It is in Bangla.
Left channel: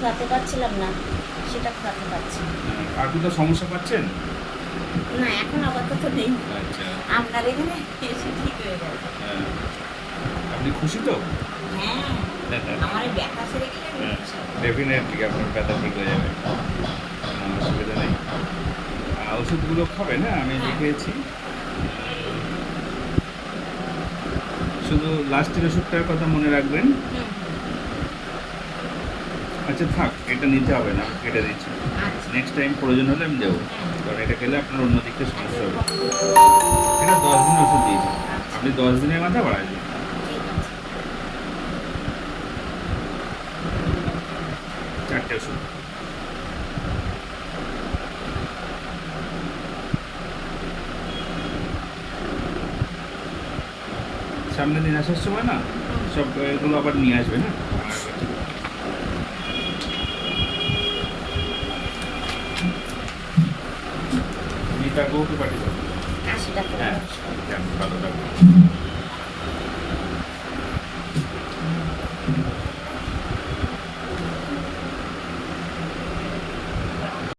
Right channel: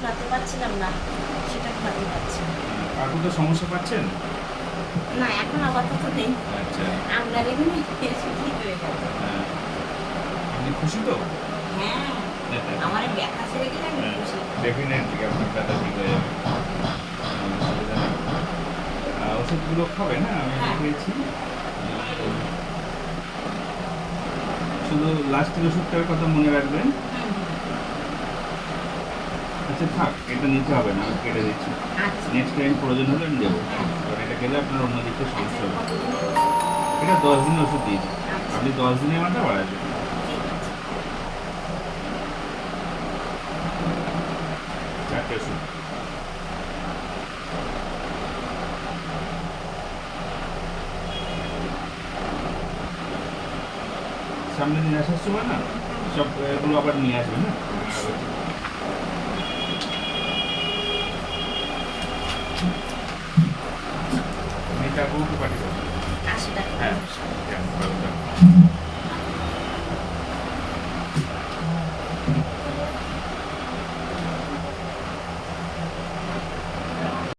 খাওয়াতে পারছিলাম না, সেটা খাওয়াতে পারছি। আর কোথাও সমস্যা পাচ্ছেন? না, এখন আপাতত নেই। আচ্ছা। আপনার এখানে এসে ঠিক হয়ে গেছে। আপনি খুশি তো? হ্যাঁ, আমার এই ব্যথা সেরে গেলে আমি খুশি। ডেফিনেটলি আপনার ব্যথা ঠিক হয়ে যাবে, কোনো অসুবিধা নেই। ওষুধগুলো খাবেন, হ্যাঁ আমি হ্যাঁ। লিখেছি। শুধু লাস্টের ওষুধটার কথা মনে রাখবেন। হুম, হুম। আচ্ছা থাক, এটা নিতে হবে না, আমি কেটে দিচ্ছি। আচ্ছা। নেক্সট টাইম প্রয়োজন হলে আমি দেবো, হ্যাঁ। কারণ এটা খেলে আপনার অন্য দিক থেকে সমস্যা হবে। কতদিন? এটা 10 দিনের ওষুধ দিয়েছি, আচ্ছা। আপনি 10 দিনের মাথা বাড়াই দিন। ঠিক আছে। 4টে ওষুধ। সামনের দিন আসার সময় না সব এগুলো আবার নিয়ে আসবে, না মিতা বউকে পাঠিয়ে দাও। 80 টাকা। হ্যাঁ, ভালো থাকবে।